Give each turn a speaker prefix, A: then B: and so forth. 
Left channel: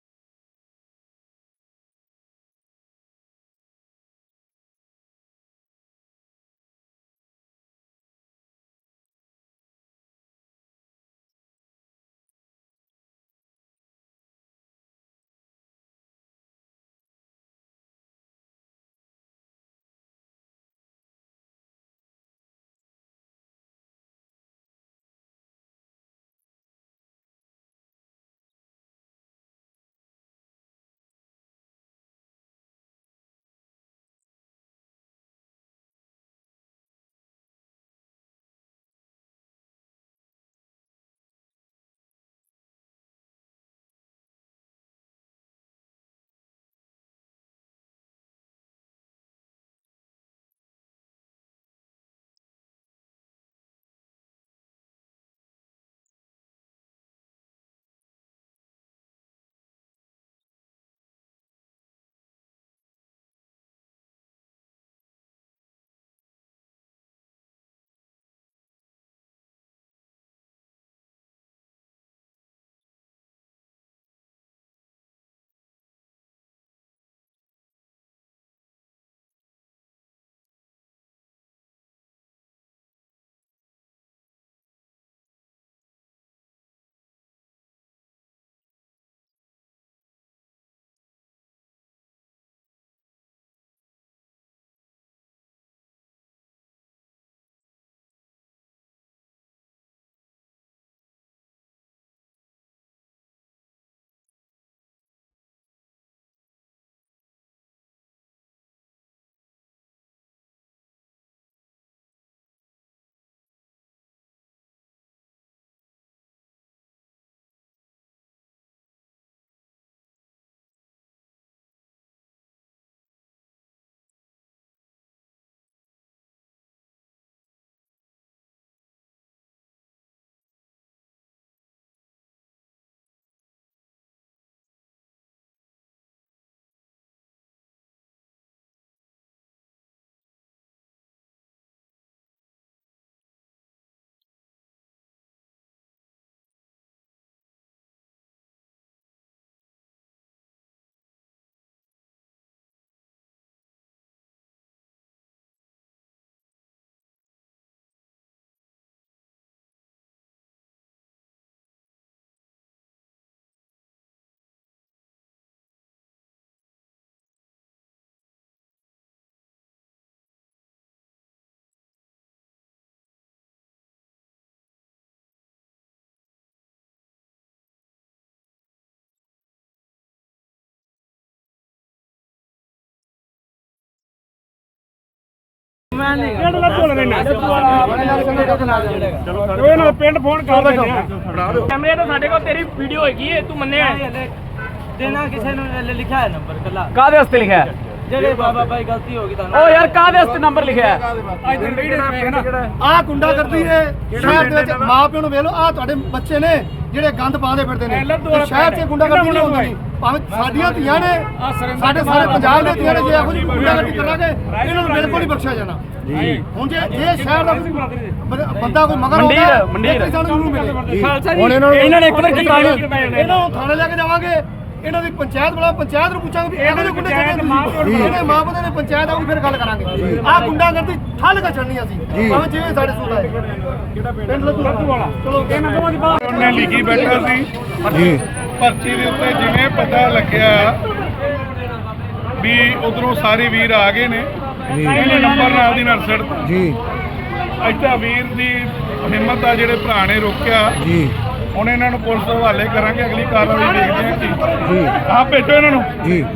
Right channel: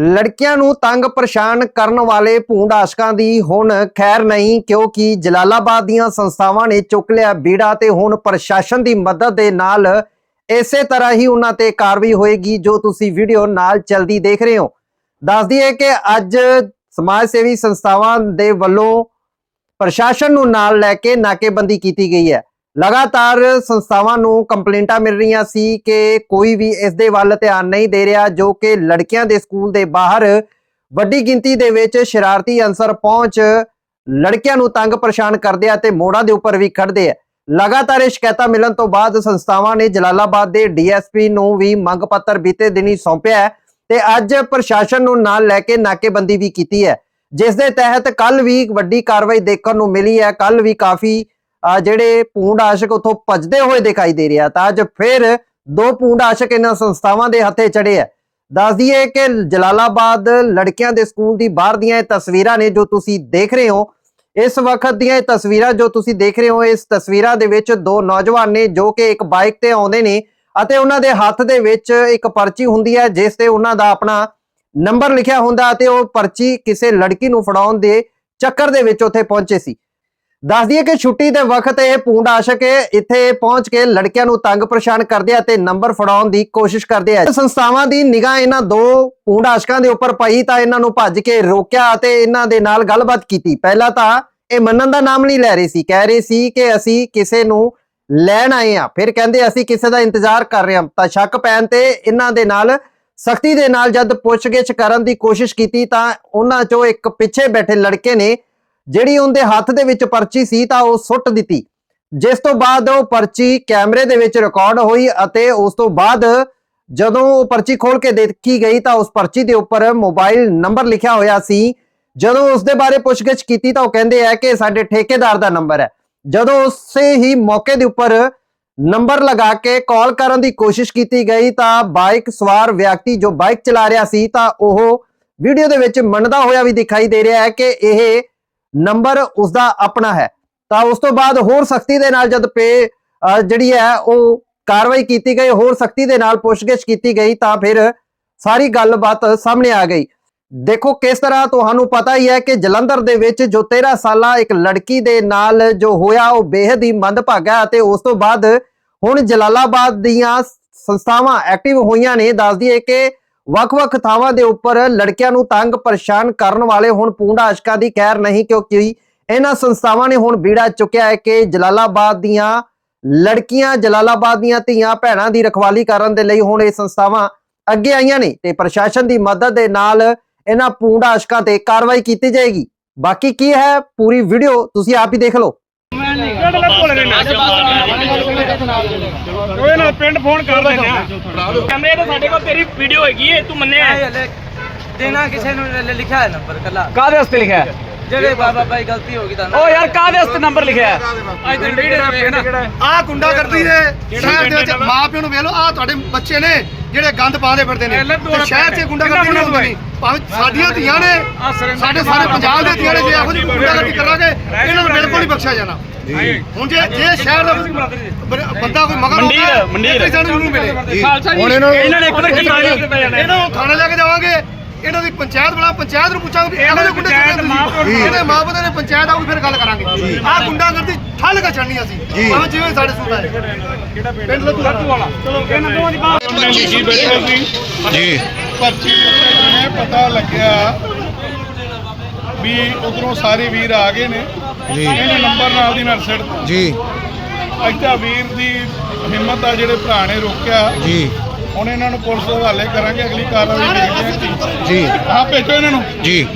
A: ਲੜਕੀਆਂ ਨੂੰ ਤੰਗ ਪਰੇਸ਼ਾਨ ਕਰਨ ਵਾਲੇ ਭੂੰਡ ਆਸ਼ਕਾਂ ਦੀ ਹੁਣ ਖੈਰ ਨਹੀਂ, ਕਿਉਂਕਿ ਜਲਾਲਾਬਾਦ ਦੀਆਂ ਸੰਸਥਾਵਾਂ ਨੇ ਚੁੱਕ ਲਿਆ ਬੀੜਾ ਤੇ ਹੁਣ ਪ੍ਰਸ਼ਾਸਨ ਦੀ ਮਦਦ ਦੇ ਨਾਲ ਇਸੇ ਤਰ੍ਹਾਂ ਹੀ ਉਹਨਾਂ ਤੇ ਕਾਰਵਾਈ ਹੋਏਗੀ, ਜੋ ਤੁਸੀਂ ਵੀਡੀਓ ਨਾਲ ਚਲਦੀ ਦੇਖ ਰਹੇ ਹੋ। ਦੱਸ ਦਈਏ ਕਿ ਅੱਜ ਸਮਾਜ ਸੇਵੀ ਸੰਸਥਾਵਾਂ ਦੇ ਵੱਲੋਂ ਪ੍ਰਸ਼ਾਸਨ ਨੂੰ ਨਾਲ ਲੈ ਕੇ ਨਾਕੇਬੰਦੀ ਕੀਤੀ ਗਈ ਹੈ। ਲਗਾਤਾਰ ਸੰਸਥਾਵਾਂ ਨੂੰ ਕੰਪਲੇਂਟਾਂ ਮਿਲ ਰਹੀਆਂ ਸੀ ਕਿ ਕੋਈ ਵੀ ਇਸ ਦੇ ਵੱਲ ਧਿਆਨ ਨਹੀਂ ਦੇ ਰਿਹਾ, ਜੋ ਕਿ ਲੜਕੀਆਂ ਦੇ ਸਕੂਲ ਦੇ ਬਾਹਰ ਵੱਡੀ ਗਿਣਤੀ ਦੇ ਵਿੱਚ ਸ਼ਰਾਰਤੀ ਅਨਸਰ ਪਹੁੰਚ ਲੜਕੀਆਂ ਨੂੰ ਤੰਗ ਪਰੇਸ਼ਾਨ ਕਰਦੇ ਆ ਤੇ ਮੋੜਾਂ ਦੇ ਉੱਪਰ ਵੀ ਖੜਦੇ ਆ। ਲਗਾਤਾਰ ਇਹ ਸ਼ਿਕਾਇਤਾਂ ਮਿਲਣ ਤੋਂ ਬਾਅਦ ਸੰਸਥਾਵਾਂ ਨੇ ਜਲਾਲਾਬਾਦ ਦੇ ਡੀਐਸਪੀ ਨੂੰ ਵੀ ਮੰਗ ਪੱਤਰ ਬੀਤੇ ਦਿਨੀ ਸੌਂਪਿਆ ਹੈ ਤੇ ਅੱਜ ਪ੍ਰਸ਼ਾਸਨ ਨੂੰ ਨਾਲ ਲੈ ਕੇ ਨਾਕੇਬੰਦੀ ਵੀ ਕੀਤੀ ਹੈ, ਜਿਸ ਦੇ ਤਹਿਤ ਕੱਲ ਵੀ ਵੱਡੀ ਕਾਰਵਾਈ ਦੇਖਣ ਨੂੰ ਮਿਲੀ ਹੈ। ਕੱਲ ਵੀ ਕਾਫੀ ਜਿਹੜੇ ਪੂੰਡ ਆਸ਼ਕ ਉਥੋਂ ਭੱਜਦੇ ਹੋਏ ਦਿਖਾਈ ਦੇ ਰਿਹਾ, ਤਾਂ ਅੱਜ ਫਿਰ ਦੋ ਪੂੰਡ ਆਸ਼ਕ ਇਹਨਾਂ ਸੰਸਥਾਵਾਂ ਦੇ ਹੱਥੇ ਚੜੇ ਆ। ਦੱਸ ਦਈਏ ਕਿ ਜਲਾਲਾਬਾਦ ਲੜਕੀਆਂ ਦੇ ਸਕੂਲ ਦੀ ਬਾਹਰ ਦੀਆਂ ਇਹ ਤਸਵੀਰਾਂ ਨੇ ਜੋ ਤੁਸੀਂ ਦੇਖ ਰਹੇ ਹੋ, ਇਸ ਵਕਤ ਦੀਆਂ ਇਹ ਤਸਵੀਰਾਂ ਜੋ ਤੁਸੀਂ ਦੇਖ ਰਹੇ ਹੋ, ਇਸ ਤਸਵੀਰਾਂ ਦੇ ਵਿੱਚ ਦੋ ਨੌਜਵਾਨ ਨੇ ਜੋ ਕਿ ਇੱਕ ਬਾਈਕ ਤੇ ਆਉਂਦੇ ਨੇ ਅਤੇ ਉਹਨਾਂ ਦੇ ਹੱਥ ਦੇ ਵਿੱਚ ਇੱਕ ਪਰਚੀ ਹੁੰਦੀ ਹੈ, ਜਿਸ ਤੇ ਉਹਨਾਂ ਦਾ ਆਪਣਾ ਨੰਬਰ ਲਿਖਿਆ ਹੁੰਦਾ ਅਤੇ ਉਹ ਪਰਚੀ ਕਿਸੇ ਲੜਕੀ ਨੂੰ ਫੜਾਉਣ ਦੇ ਚੱਕਰ ਦੇ ਵਿੱਚ ਉੱਥੇ ਪਹੁੰਚੇ ਸੀ। ਦੱਸ ਦਈਏ ਕਿ ਛੁੱਟੀ ਦੇ ਵਕਤ ਇਹ ਪੂੰਡ ਆਸ਼ਕ ਇੱਥੇ ਪਹੁੰਚ ਕੇ ਲੜਕੀਆਂ ਨੂੰ ਤੰਗ ਪਰੇਸ਼ਾਨ ਕਰਦੇ ਆ ਤੇ ਨੰਬਰ ਫੜਾਉਣ ਦੀ ਕੋਸ਼ਿਸ਼ ਕਰਦੇ ਆ। ਸੰਸਥਾਵਾਂ ਦੀ ਨਿਗਾਹ ਇਹਨਾਂ ਦੋ ਪੂੰਡ ਆਸ਼ਕਾਂ ਦੇ ਉੱਪਰ ਪਈ ਤਾਂ ਇਹਨਾਂ ਨੂੰ ਭੱਜ ਕੇ ਰੋਕਿਆ ਅਤੇ ਇਹਨਾਂ ਦੇ ਨਾਲ ਗੱਲਬਾਤ ਕੀਤੀ। ਪਹਿਲਾਂ ਤਾਂ ਇਹ ਮੰਨਣ ਦਾ ਨਾਮ ਨਹੀਂ ਲੈ ਰਹੀ ਸੀ। ਕਹਿ ਰਹੇ ਸੀ ਕਿ ਅਸੀਂ ਕਿਸੇ ਨੂੰ ਲੈਣ ਆਏ ਆ। ਫਿਰ ਕਹਿੰਦੇ ਅਸੀਂ ਕਿਸੇ ਦਾ ਇੰਤਜ਼ਾਰ ਕਰ ਰਹੇ ਹਾਂ ਤਾਂ ਸ਼ੱਕ ਪੈਣ ਤੇ ਇਹਨਾਂ ਦੇ ਨਾਲ ਸਖਤੀ ਦੇ ਨਾਲ ਜਦ ਪੁੱਛਗਿੱਛ ਕਰਨ ਦੀ ਕੋਸ਼ਿਸ਼ ਕੀਤੀ ਤਾਂ ਉਹਨਾਂ ਚੋਂ ਇੱਕ ਪਿੱਛੇ ਬੈਠੇ ਲੜਕੇ ਨੇ ਜਿਹੜੀ ਉਹਦੇ ਹੱਥ ਦੇ ਵਿੱਚ ਪਰਚੀ ਸੀ ਤਾਂ ਉਹ ਸੁੱਟ ਦਿੱਤੀ। ਜਿਸ ਤੋਂ ਬਾਅਦ ਉਹ ਪਰਚੀ ਕੈਮਰੇ ਦੇ ਵਿੱਚ ਰਿਕਾਰਡ ਹੋਈ ਅਤੇ ਉਸ ਤੋਂ ਬਾਅਦ ਜਦੋਂ ਉਹ ਪਰਚੀ ਖੋਲ ਕੇ ਦੇਖੀ ਗਈ ਤਾਂ ਉਸ ਪਰਚੀ ਦੇ ਉੱਪਰ ਮੋਬਾਈਲ ਨੰਬਰ ਲਿਖਿਆ ਹੋਇਆ ਸੀ। ਜਦੋਂ ਉਸ ਦੇ ਬਾਰੇ ਪੁੱਛਗਿੱਛ ਕੀਤੀ ਤਾਂ ਉਹ ਕਹਿੰਦੇ ਆ ਕਿ ਸਾਡੇ ਠੇਕੇਦਾਰ ਦਾ ਨੰਬਰ ਹੈ। ਜਦੋਂ ਉਸੇ ਹੀ ਮੌਕੇ ਦੇ ਉੱਪਰ ਨੰਬਰ ਲਗਾ ਕੇ ਕਾਲ ਕਰਨ ਦੀ ਕੋਸ਼ਿਸ਼ ਕੀਤੀ ਗਈ ਤਾਂ ਬਾਈਕ ਸਵਾਰ ਵਿਅਕਤੀ ਜੋ ਬਾਈਕ ਚਲਾ ਰਿਹਾ ਸੀ ਤਾਂ ਉਹ ਵੀਡੀਓ ਦੇ ਵਿੱਚ ਮੰਨਦਾ ਹੋਇਆ ਵੀ ਦਿਖਾਈ ਦੇ ਰਿਹਾ ਹੈ ਕਿ ਇਹ ਨੰਬਰ ਉਸ ਦਾ ਆਪਣਾ ਹੈ। ਤਾਂ ਉਸ ਤੋਂ ਬਾਅਦ ਹੋਰ ਸਖਤੀ ਦੇ ਨਾਲ ਜਦ ਪੇ ਜਿਹੜੀ ਹੈ, ਉਹ ਕਾਰਵਾਈ ਕੀਤੀ ਗਈ, ਹੋਰ ਸਖਤੀ ਦੇ ਨਾਲ ਪੁੱਛਗਿੱਛ ਕੀਤੀ ਗਈ, ਤਾਂ ਫਿਰ ਸਾਰੀ ਗੱਲਬਾਤ ਸਾਹਮਣੇ ਆ ਗਈ। ਦੇਖੋ, ਕਿਸ ਤਰ੍ਹਾਂ ਤੁਹਾਨੂੰ ਪਤਾ ਹੀ ਹੈ ਕਿ ਜਲੰਧਰ ਦੇ ਵਿੱਚ ਜੋ 13 ਸਾਲਾ ਇੱਕ ਲੜਕੀ ਦੇ ਨਾਲ ਜੋ ਹੋਇਆ, ਉਹ ਬੇहद ਹੀ ਮੰਦਭਾਗਾ ਅਤੇ ਉਸ ਤੋਂ ਬਾਅਦ ਹੁਣ ਜਲਾਲਾਬਾਦ ਦੀਆਂ ਸੰਸਥਾਵਾਂ ਐਕਟਿਵ ਹੋਈਆਂ ਨੇ। ਦੱਸ ਦਈਏ ਕਿ ਵੱਖ-ਵੱਖ ਥਾਵਾਂ ਦੇ ਉੱਪਰ ਲੜਕਿਆਂ ਨੂੰ ਤੰਗ ਪਰੇਸ਼ਾਨ ਕਰਨ ਵਾਲੇ ਹੁਣ ਪੂੰਡਾ ਆਸ਼ਕਾਂ ਦੀ ਖੈਰ ਨਹੀਂ ਕਿਉਂਕਿ ਇਹਨਾਂ ਸੰਸਥਾਵਾਂ ਨੇ ਹੁਣ ਬੀੜਾ ਚੁੱਕਿਆ ਹੈ ਕਿ ਜਲਾਲਾਬਾਦ ਦੀਆਂ ਲੜਕੀਆਂ, ਜਲਾਲਾਬਾਦ ਦੀਆਂ ਧੀਆਂ, ਭੈਣਾਂ ਦੀ ਰਖਵਾਲੀ ਕਰਨ ਦੇ ਲਈ ਹੁਣ ਇਹ ਸੰਸਥਾਵਾਂ ਅੱਗੇ ਆਈਆਂ ਨੇ ਤੇ ਪ੍ਰਸ਼ਾਸਨ ਦੀ ਮਦਦ ਦੇ ਨਾਲ ਇਹਨਾਂ ਪੂੰਡਾ ਆਸ਼ਕਾਂ ਤੇ ਕਾਰਵਾਈ ਕੀਤੀ ਜਾਏਗੀ। ਬਾਕੀ ਕੀ ਹੈ ਪੂਰੀ ਵੀਡੀਓ ਤੁਸੀਂ ਆਪ ਹੀ ਦੇਖ ਲਓ।
B: ਕਿਹੜੇ ਨਾਲ ਭੁੱਲ ਗਏ ਨੇ? ਉਹ ਨਾਲ ਪਿੰਡ ਫੋਨ ਕਰ ਰਹੇ ਨੇ ਕੈਮਰੇ ਤਾਂ ਸਾਡੇ ਕੋਲ ਤੇਰੀ ਵੀਡੀਓ ਹੈਗੀ ਏ ਤੂੰ ਮੰਨਿਆ
C: ਹਲੇ ਦੇਣਾ ਕਿਸੇ ਨੂੰ ਲ- ਲਿਖਿਆ ਹੈ ਨੰਬਰ ਕੱਲਾ
D: ਕਾਦੇ ਵਾਸਤੇ ਲਿਖਿਆ ਹੈ?
C: ਜਿਹੜੇ ਬਾਬਾ ਭਾਈ ਗਲਤੀ ਹੋ ਗਈ ਤਾਂ
D: ਓ ਯਾਰ ਕਾਦੇ ਵਾਸਤੇ ਨੰਬਰ ਲਿਖਿਆ ਹੈ?
B: ਅੱਜ ਦਿਨ ਵੇਖ ਨਾ।
E: ਆਹ ਗੁੰਡਾ ਕਰਦੀ ਦੇ ਸ਼ਹਿਰ ਦੇ ਵਿੱਚ ਮਾਂ ਪਿਓ ਨੂੰ ਵੇਖ ਲਓ ਆਹ ਤੁਹਾਡੇ ਬੱਚੇ ਨੇ। ਜਿਹੜੇ ਗੰਦ ਪਾਉਂਦੇ ਫਿਰਦੇ ਨੇ ਤੇ ਸ਼ਹਿਰ 'ਚ ਗੁੰਡਾ ਕਰਦੀ ਨਹੀਂ ਹੁੰਦੀ। ਭਾਵੇਂ ਸਾਡੀਆਂ ਧੀਆਂ ਨੇ ਸਾਡੇ ਸਾਰੇ ਪੰਜਾਬ ਦੇ ਧੀਆਂ ਨੇ ਜੇ ਇਹੋ ਜਿਹੀ ਗੁੰਡਾ ਕਰਦੀ ਕਰਾਂਗੇ ਇਹਨਾਂ ਨੂੰ ਬਿਲਕੁਲ ਨਹੀਂ ਬਖਸ਼ਿਆ ਜਾਣਾ। ਹੁਣ ਜੇ ਜੇ ਸ਼ਹਿਰ ਦਾ ਬੰਦਾ ਕੋਈ ਮਗਰ ਆਉਂਦਾ
B: ਮੰਡੀ
E: ਇਹ ਤੇ ਸਾਨੂੰ ਜ਼ਰੂਰ ਮਿਲੇ।
D: ਹੁਣ ਇਹਨਾਂ ਨੂੰ- ਇਹਨਾਂ ਨੇ ਇੱਕ ਵਾਰ ਕਿਤਾਣੀ
E: ਇਹਨਾਂ ਨੂੰ ਥਾਣੇ ਲੈ ਕੇ ਜਾਵਾਂਗੇ। ਇਹਨਾਂ ਦੀ ਪੰਚਾਇਤ ਬਣਾ ਪੰਚਾਇਤ ਨੂੰ ਪੁੱਛਾਂਗੇ ਵੀ ਇਹੋ ਜਿਹੇ ਗੁੰਡੇ ਕਿੱਥੇ ਤੁਸੀਂ? ਇਹਦੇ ਮਾਂ ਪਿਓ ਨੇ ਪੰਚਾਇਤ ਆਊਗੀ ਫਿਰ ਗੱਲ ਕਰਾਂਗੇ। ਆਹ ਗੁੰਡਾ ਕਰਦੀ ਠੱਲ ਕੇ ਚੜਨੀ ਅਸੀਂ। ਭਾਵੇਂ ਜਿਵੇਂ ਸਾਡੇ ਸੂਟ ਆਏ। ਪਿੰਡ ਲੱਦੂ ਵਾਲਾ।
B: ਚਲੋ ਇਹਨਾਂ ਦੋਵਾਂ ਦੀ ਬਾਤ
F: ਜੀ। ਬੈਠਾ ਸੀ। ਜੀ। ਪਰਚੀ ਨੇ ਪਤਾ ਲੱਗਿਆ ਵੀ ਉਧਰੋਂ ਸਾਰੇ ਵੀਰ ਆ ਗਏ ਨੇ। ਜੀ। ਇਹਨੇ ਨੰਬਰ ਨਾਲ ਦੀ ਨਾਲ ਸੜ ਜੀ। ਅੱਛਾ ਵੀਰ ਦੀ ਹਿੰਮਤ ਆ ਜਿਹੜੇ ਭਰਾ ਨੇ ਰੋਕਿਆ। ਜੀ। ਹੁਣ ਇਹਨਾਂ ਨੂੰ ਪੁਲਿਸ ਹਵਾਲੇ ਕਰਾਂਗੇ ਅਗਲੀ ਕਾਰਵਾਈ ਦੇਖਦੇ ਹਾਂ ਕੀ। ਜੀ। ਆਹ ਭੇਜੋ ਇਹਨਾਂ ਨੂੰ। ਜੀ।